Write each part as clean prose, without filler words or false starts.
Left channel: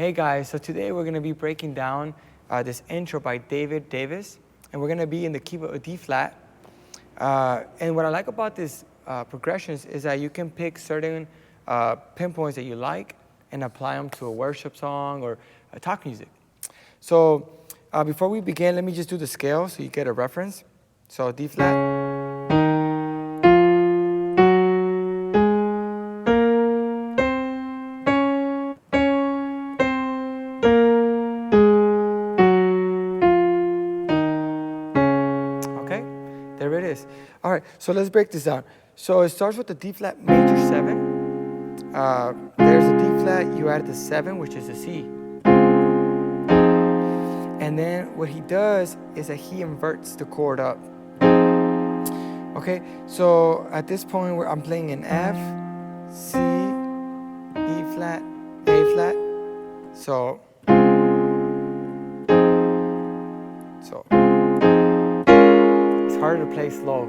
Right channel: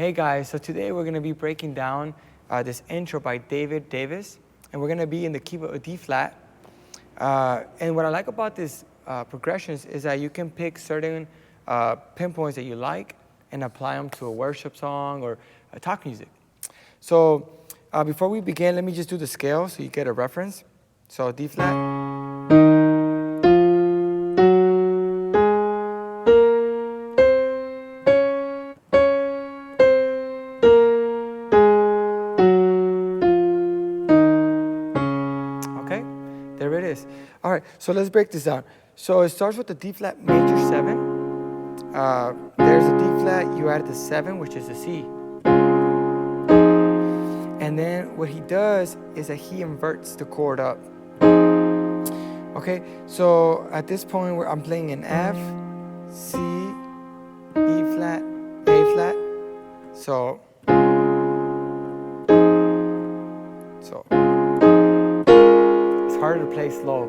Hey guys, so today we're going to be breaking down this intro by David Davis, and we're going to be in the key of D flat. And what I like about this progressions is that you can pick certain pinpoints that you like and apply them to a worship song or a talk music. So before we begin, let me just do the scale so you get a reference. So D flat. Okay, there it is. All right, so let's break this down. So it starts with the D flat major 7. There's a D flat, you add the 7, which is a C. And then what he does is that he inverts the chord up. Okay, so at this point where I'm playing an F, C, E flat, A flat. So it's harder to play slow.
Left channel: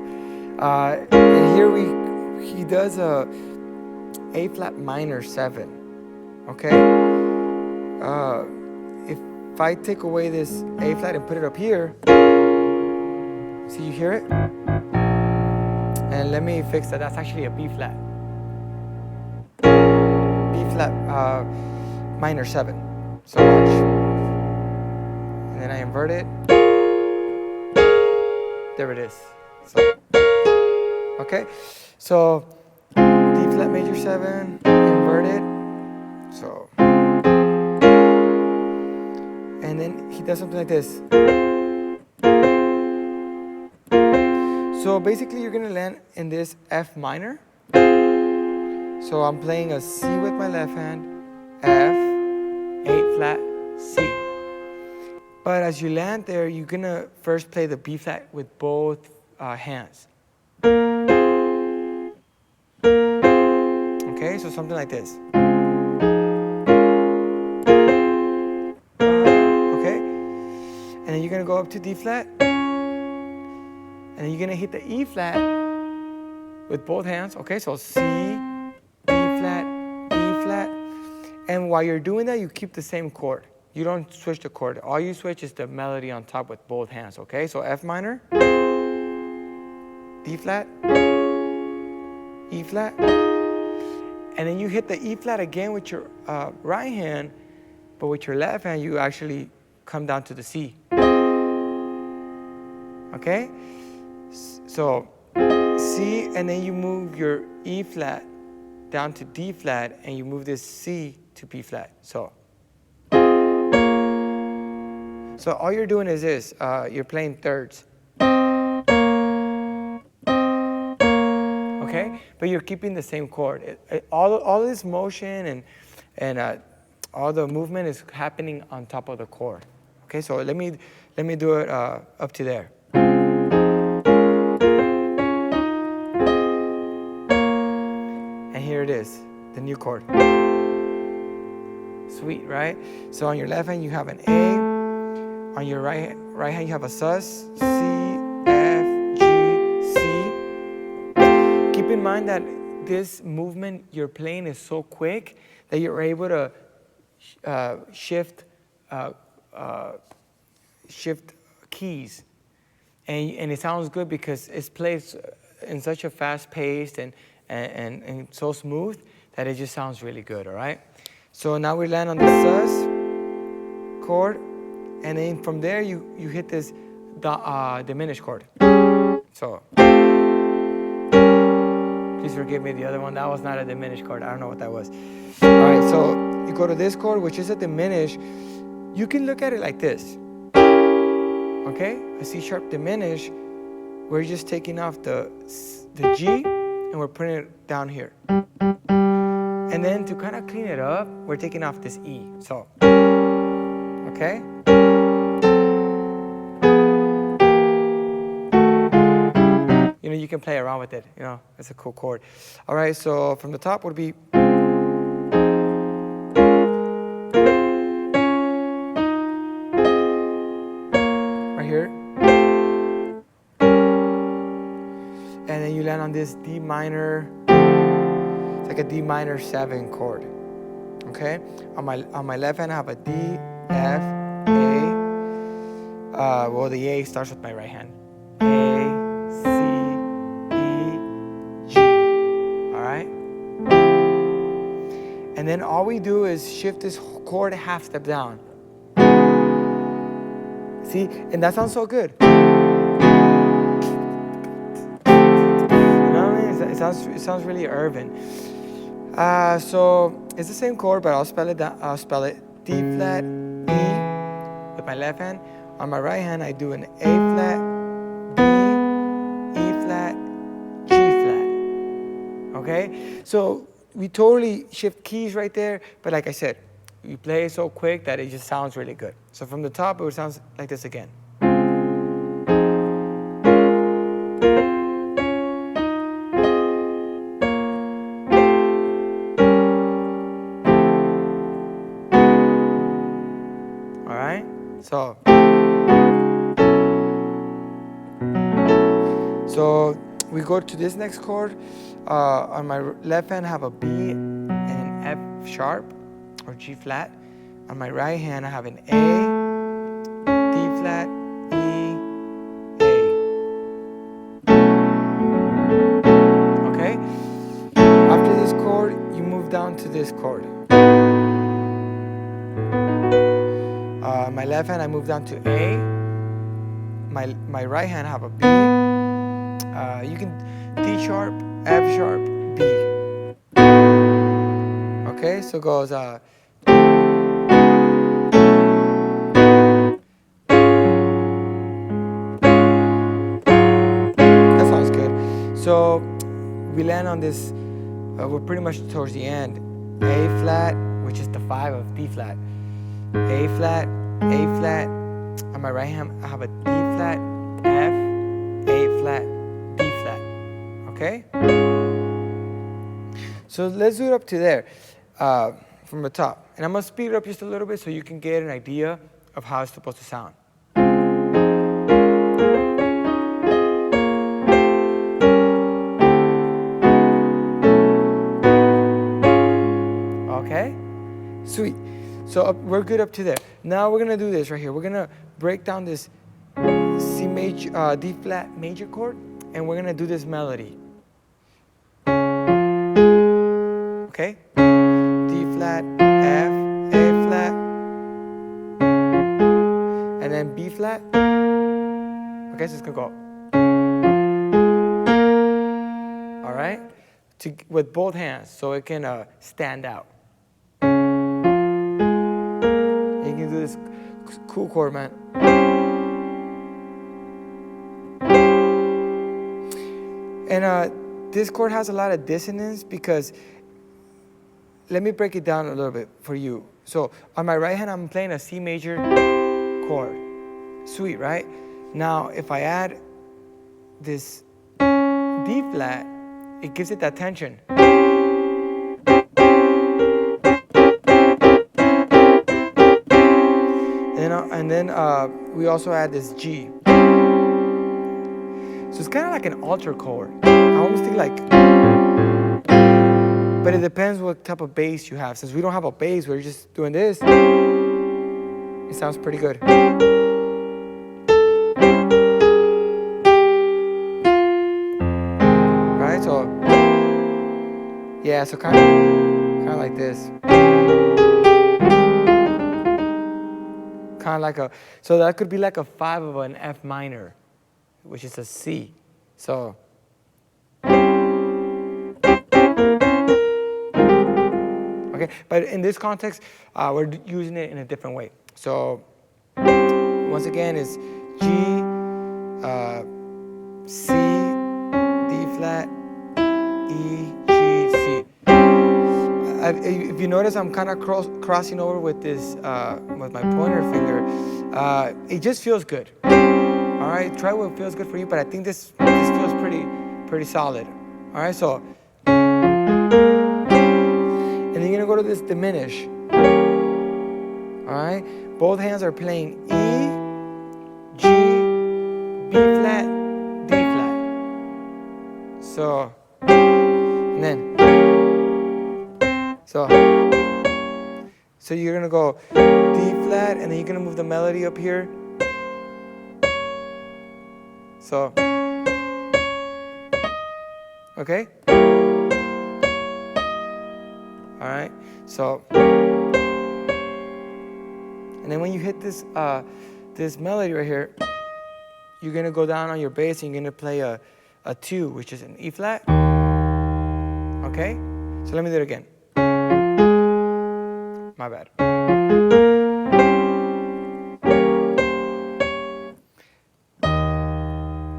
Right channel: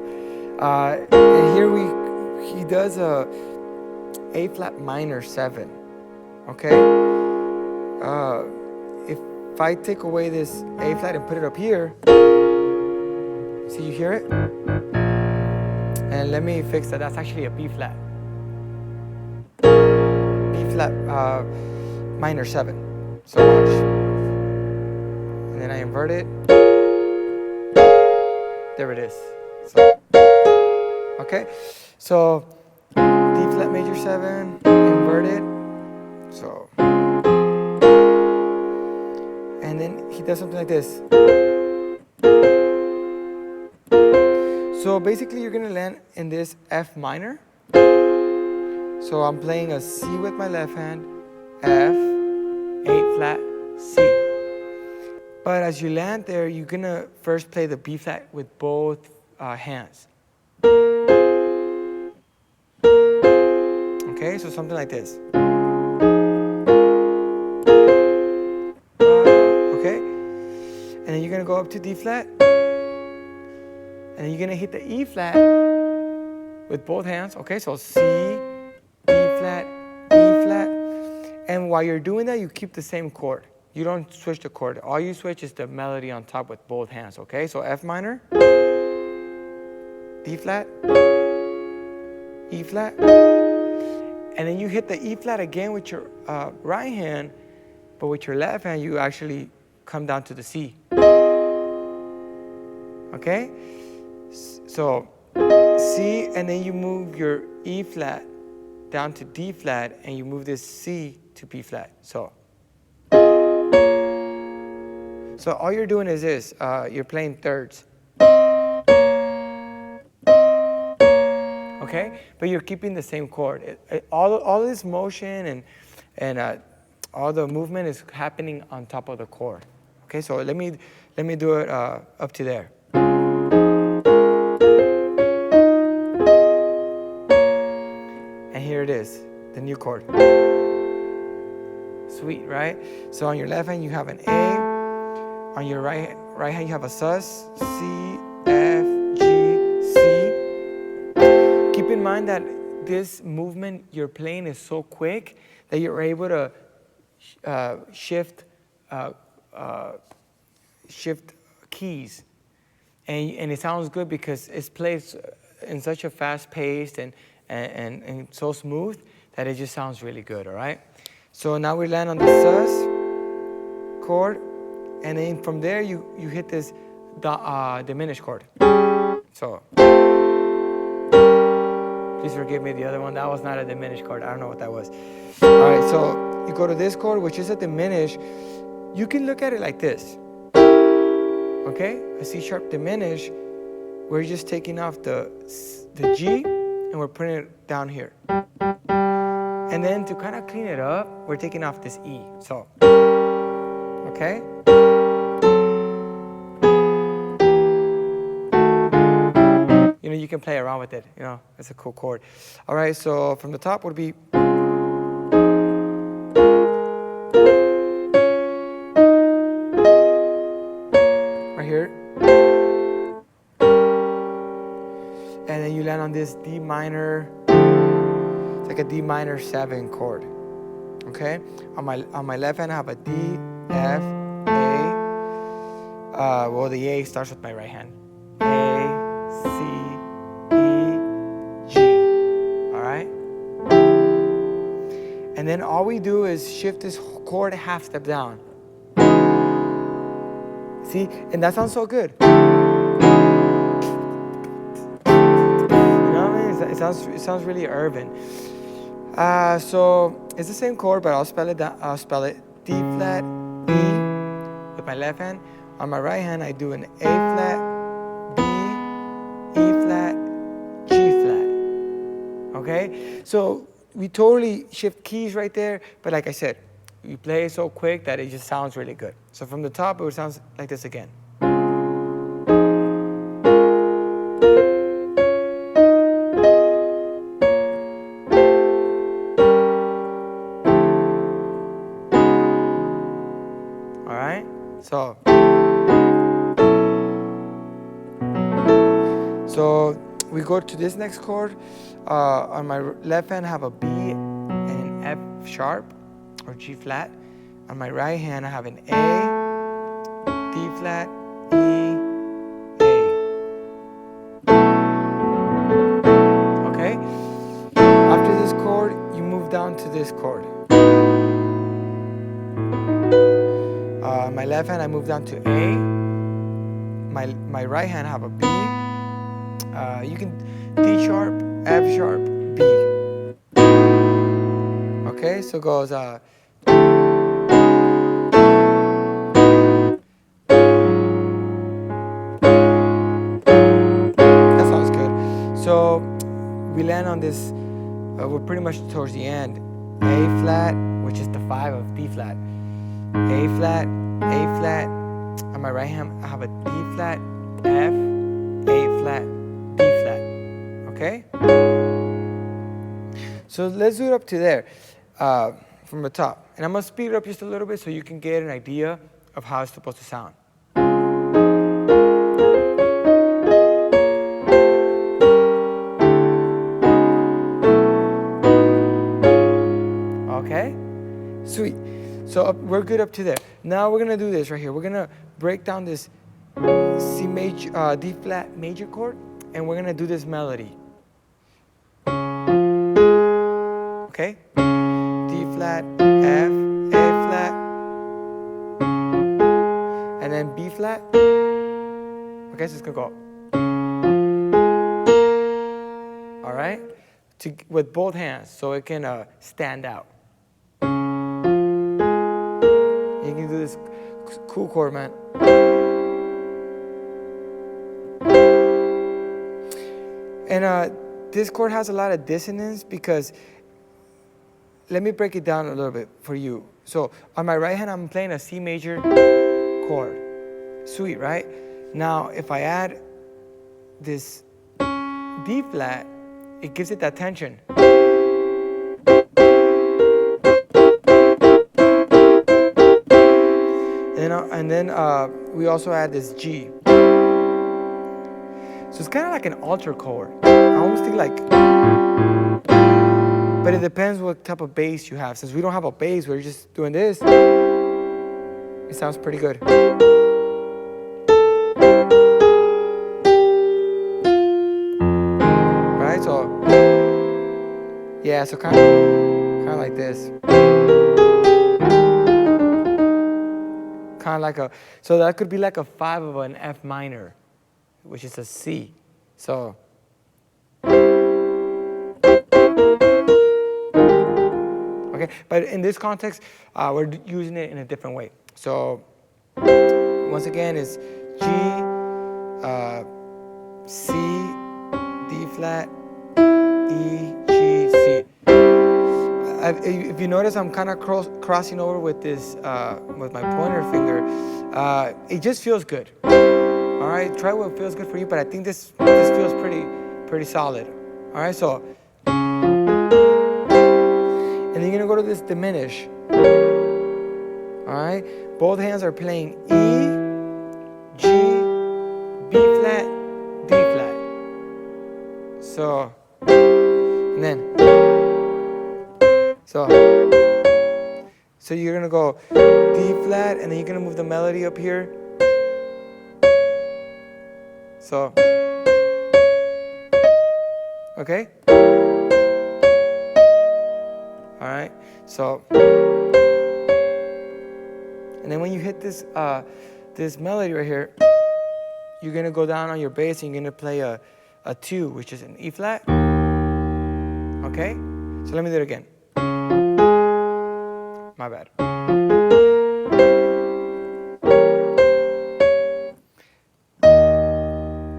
And here he does a flat minor 7. Okay? If I take away this A flat and put it up here, see, you hear it? And let me fix that. That's actually a B flat. B flat minor 7. So watch. And then I invert it. There it is. So, okay? So D flat major 7, inverted. So, and then he does something like this. So basically you're gonna land in this F minor. So I'm playing a C with my left hand, F, 8 flat, C. But as you land there, you're gonna first play the B flat with both hands. Okay, so something like this. Okay, and then you're gonna go up to D flat, and then you're gonna hit the E flat with both hands. Okay, so C, D flat, E flat, and while you're doing that, you keep the same chord. You don't switch the chord. All you switch is the melody on top with both hands. Okay, so F minor, D flat, E flat. And then you hit the E flat again with your right hand, but with your left hand, you actually come down to the C. Okay? So C, and then you move your E flat down to D flat, and you move this C to B flat. So all you're doing is this. You're playing thirds. Okay, but you're keeping the same chord. All this motion and all the movement is happening on top of the chord. Okay, so let me do it up to there. And here it is, the new chord. Sweet, right? So on your left hand you have an A. On your right hand you have a sus, C, F, G, C. Keep in mind that this movement you're playing is so quick that you're able to shift keys, and it sounds good because it's played in such a fast pace and so smooth that it just sounds really good. All right. So now we land on the sus chord, and then from there you hit this diminished chord. So. Please forgive me, the other one, that was not a diminished chord. I don't know what that was. All right, so you go to this chord, which is a diminished. You can look at it like this. Okay? A C sharp diminished. We're just taking off the G, and we're putting it down here. And then to kind of clean it up, we're taking off this E. So, okay? You know, you can play around with it. You know, it's a cool chord. All right, so from the top would be. Right here. And then you land on this D minor. It's like a D minor 7 chord. Okay, on my left hand I have a D, F, A. Well, the A starts with my right hand. A, C, E, G. All right. And then all we do is shift this chord half step down. See, and that sounds so good. You know what I mean? It sounds really urban. So it's the same chord, but I'll spell it down. I'll spell it D flat, E with my left hand. On my right hand, I do an A flat, B, E flat, G flat. Okay? So we totally shift keys right there, but like I said, we play it so quick that it just sounds really good. So from the top, it would sound like this again. All right? So we go to this next chord. On my left hand, I have a B and an F sharp or G flat. On my right hand, I have an A, D flat, E, A. Okay? After this chord, you move down to this chord. My left hand, I move down to A. My right hand, I have a B. You can D sharp, F sharp, B. Okay, so it goes that sounds good. So we land on this, we're pretty much towards the end. A flat, which is the 5 of D flat. A flat, A flat. On my right hand, I have a D flat, F, A flat, B flat. Okay? So let's do it up to there from the top. And I'm going to speed it up just a little bit so you can get an idea of how it's supposed to sound. Okay? Sweet. So we're good up to there. Now we're going to do this right here. We're going to break down this C major, D flat major chord, and we're going to do this melody. Okay? D flat, F, A flat, and then B flat. Okay, so it's going to go. All right? With both hands, so it can stand out. You can do this cool chord, man. And this chord has a lot of dissonance because, let me break it down a little bit for you. So on my right hand, I'm playing a C major chord. Sweet, right? Now, if I add this D flat, it gives it that tension. And then we also add this G. So it's kind of like an altar chord. I almost think like, but it depends what type of bass you have. Since we don't have a bass, we're just doing this. It sounds pretty good. Right? So, yeah, so kind of like this. Kind of like so that could be like a 5 of an F minor, which is a C. So, okay, but in this context, we're using it in a different way. So, once again, it's G, C, D flat, E, G, C. If you notice, I'm kind of crossing over with this, with my pointer finger. It just feels good. All right, try what feels good for you, but I think this feels pretty solid. All right, so, and then you're gonna go to this diminish. All right, both hands are playing E, G, B flat, D flat. So, and then, so, So you're gonna go D flat, and then you're gonna move the melody up here. So, okay? All right, so, and then when you hit this, this melody right here, you're gonna go down on your bass and you're gonna play a 2, which is an E flat. Okay? So let me do it again. My bad.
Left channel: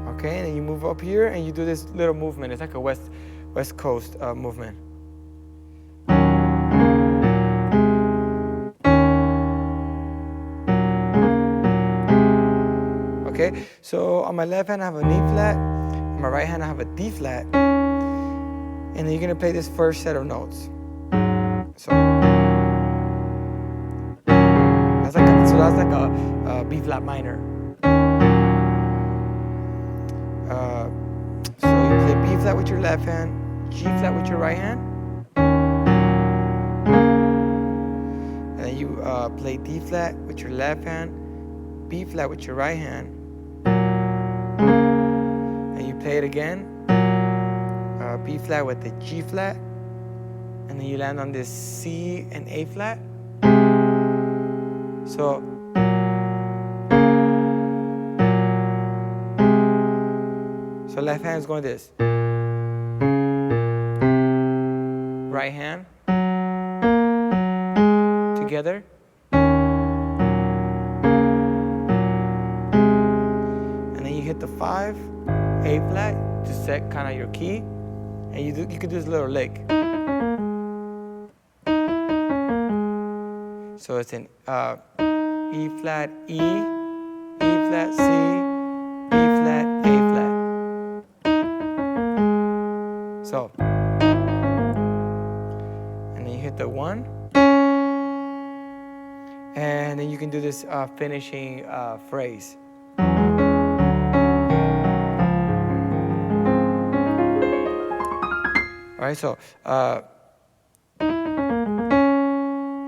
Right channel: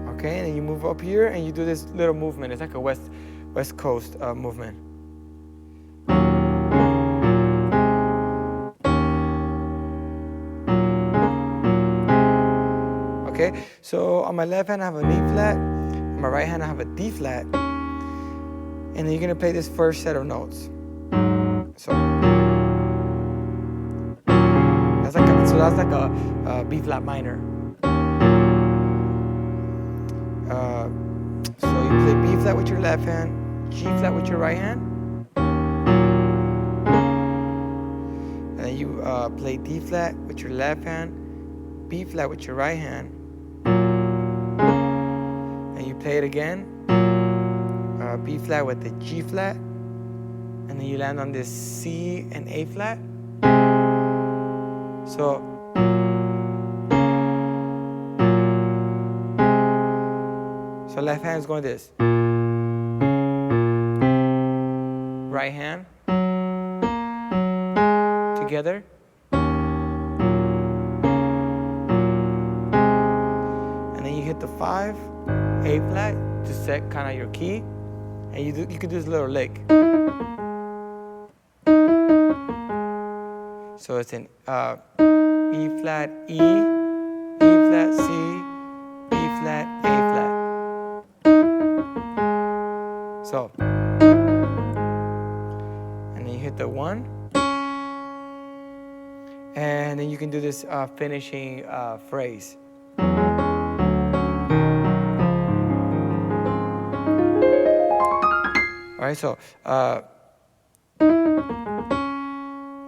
Okay, and then you move up here and you do this little movement. It's like a West Coast movement. Okay, so on my left hand I have an E flat, on my right hand I have a D flat, and then you're gonna play this first set of notes. So that's like a B flat minor. So you play B flat with your left hand, G flat with your right hand, and then you play D flat with your left hand, B flat with your right hand, and you play it again, B flat with the G flat, and then you land on this C and A flat. So left hand is going this. Right hand together. And then you hit the 5, A flat to set kind of your key. And you could do this little lick. So it's an E flat, E flat, C, B flat, A flat. So, and then you hit the 1. And then you can do this finishing phrase. All right, so, and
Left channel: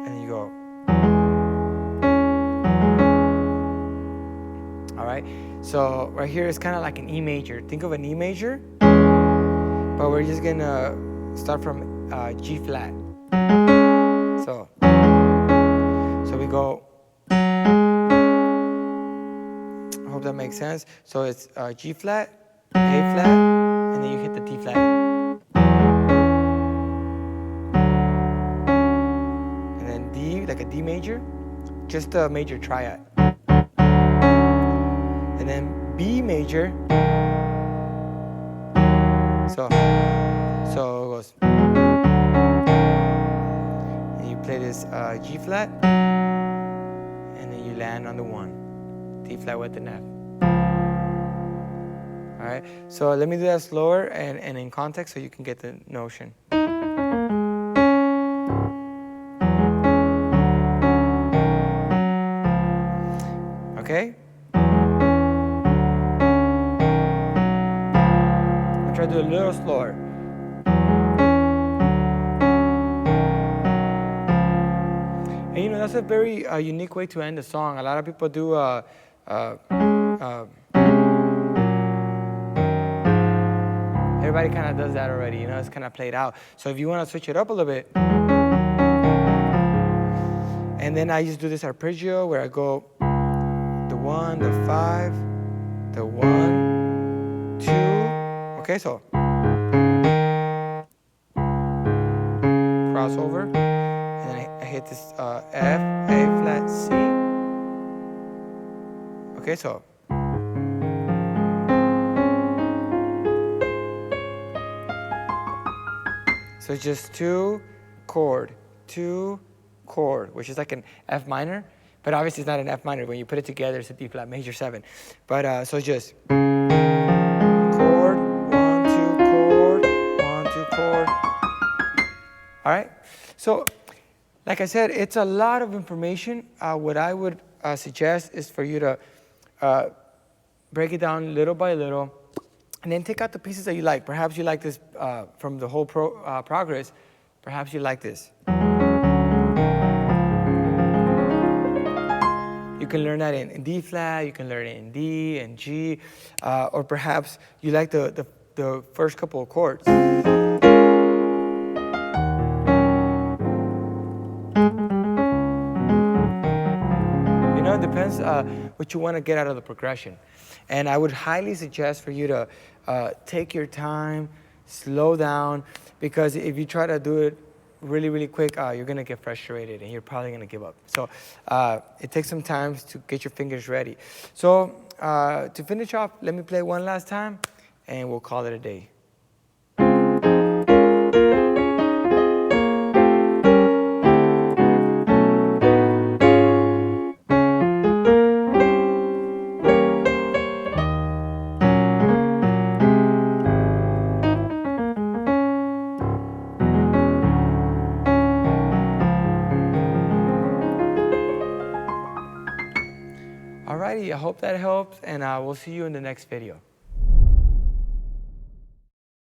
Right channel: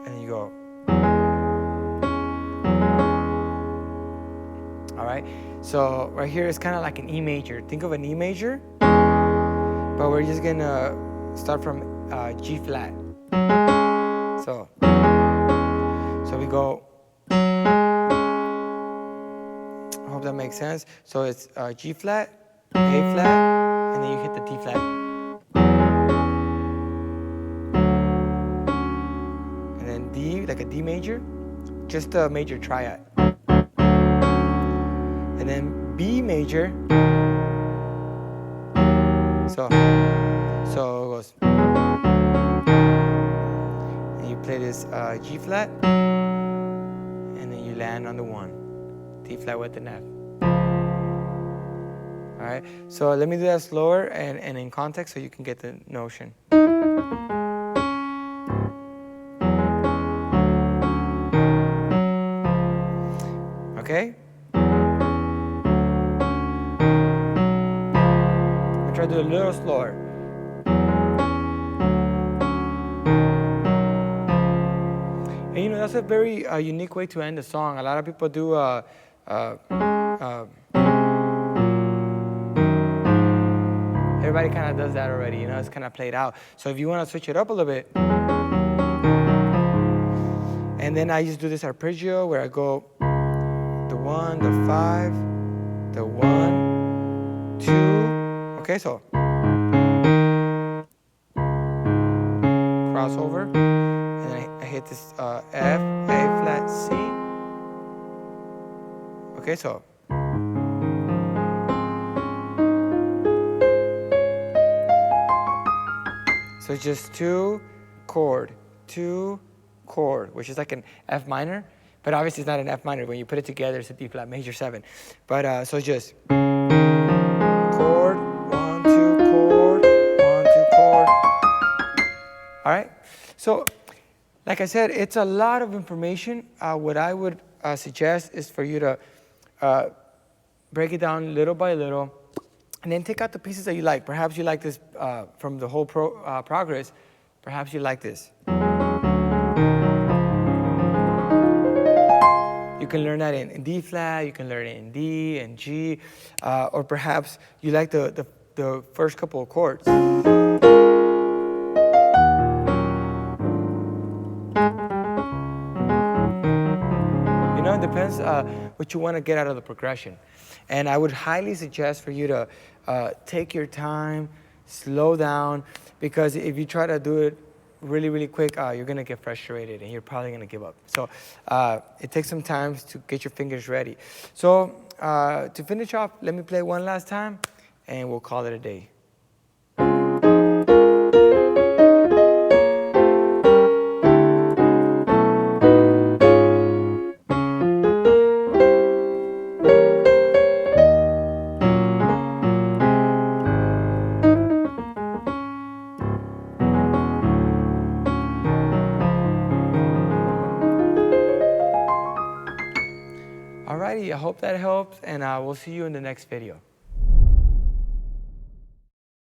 then you go. All right, so right here is kind of like an E major. Think of an E major, but we're just gonna start from G flat. So we go. I hope that makes sense. So it's G flat, A flat, and then you hit the D flat. And then D, like a D major, just a major triad. And then B major. So it goes. And you play this G flat, and then you land on the 1. D flat with an F. All right, so let me do that slower and in context so you can get the notion. Okay? I'm gonna try to do it a little slower. And you know, that's a very unique way to end a song. A lot of people do everybody kind of does that already, you know, it's kind of played out. So if you want to switch it up a little bit, and then I just do this arpeggio where I go the 1, the 5, the 1, 2. Okay, so crossover, and then I hit this F, A flat, C. Okay, so it's just 2 chord, 2 chord, which is like an F minor, but obviously it's not an F minor. When you put it together, it's a D flat major 7. But so it's just chord, 1, 2 chord, 1, 2 chord. All right. So, like I said, it's a lot of information. What I would suggest is for you to break it down little by little, and then take out the pieces that you like. Perhaps you like this from the whole progress. Perhaps you like this. You can learn that in D flat, you can learn it in D and G, or perhaps you like the first couple of chords. You know, it depends what you want to get out of the progression. And I would highly suggest for you to take your time, slow down, because if you try to do it really, really quick, you're going to get frustrated and you're probably going to give up. So it takes some time to get your fingers ready. So to finish off, let me play one last time and we'll call it a day. Alrighty, I hope that helps, and we'll see you in the next video.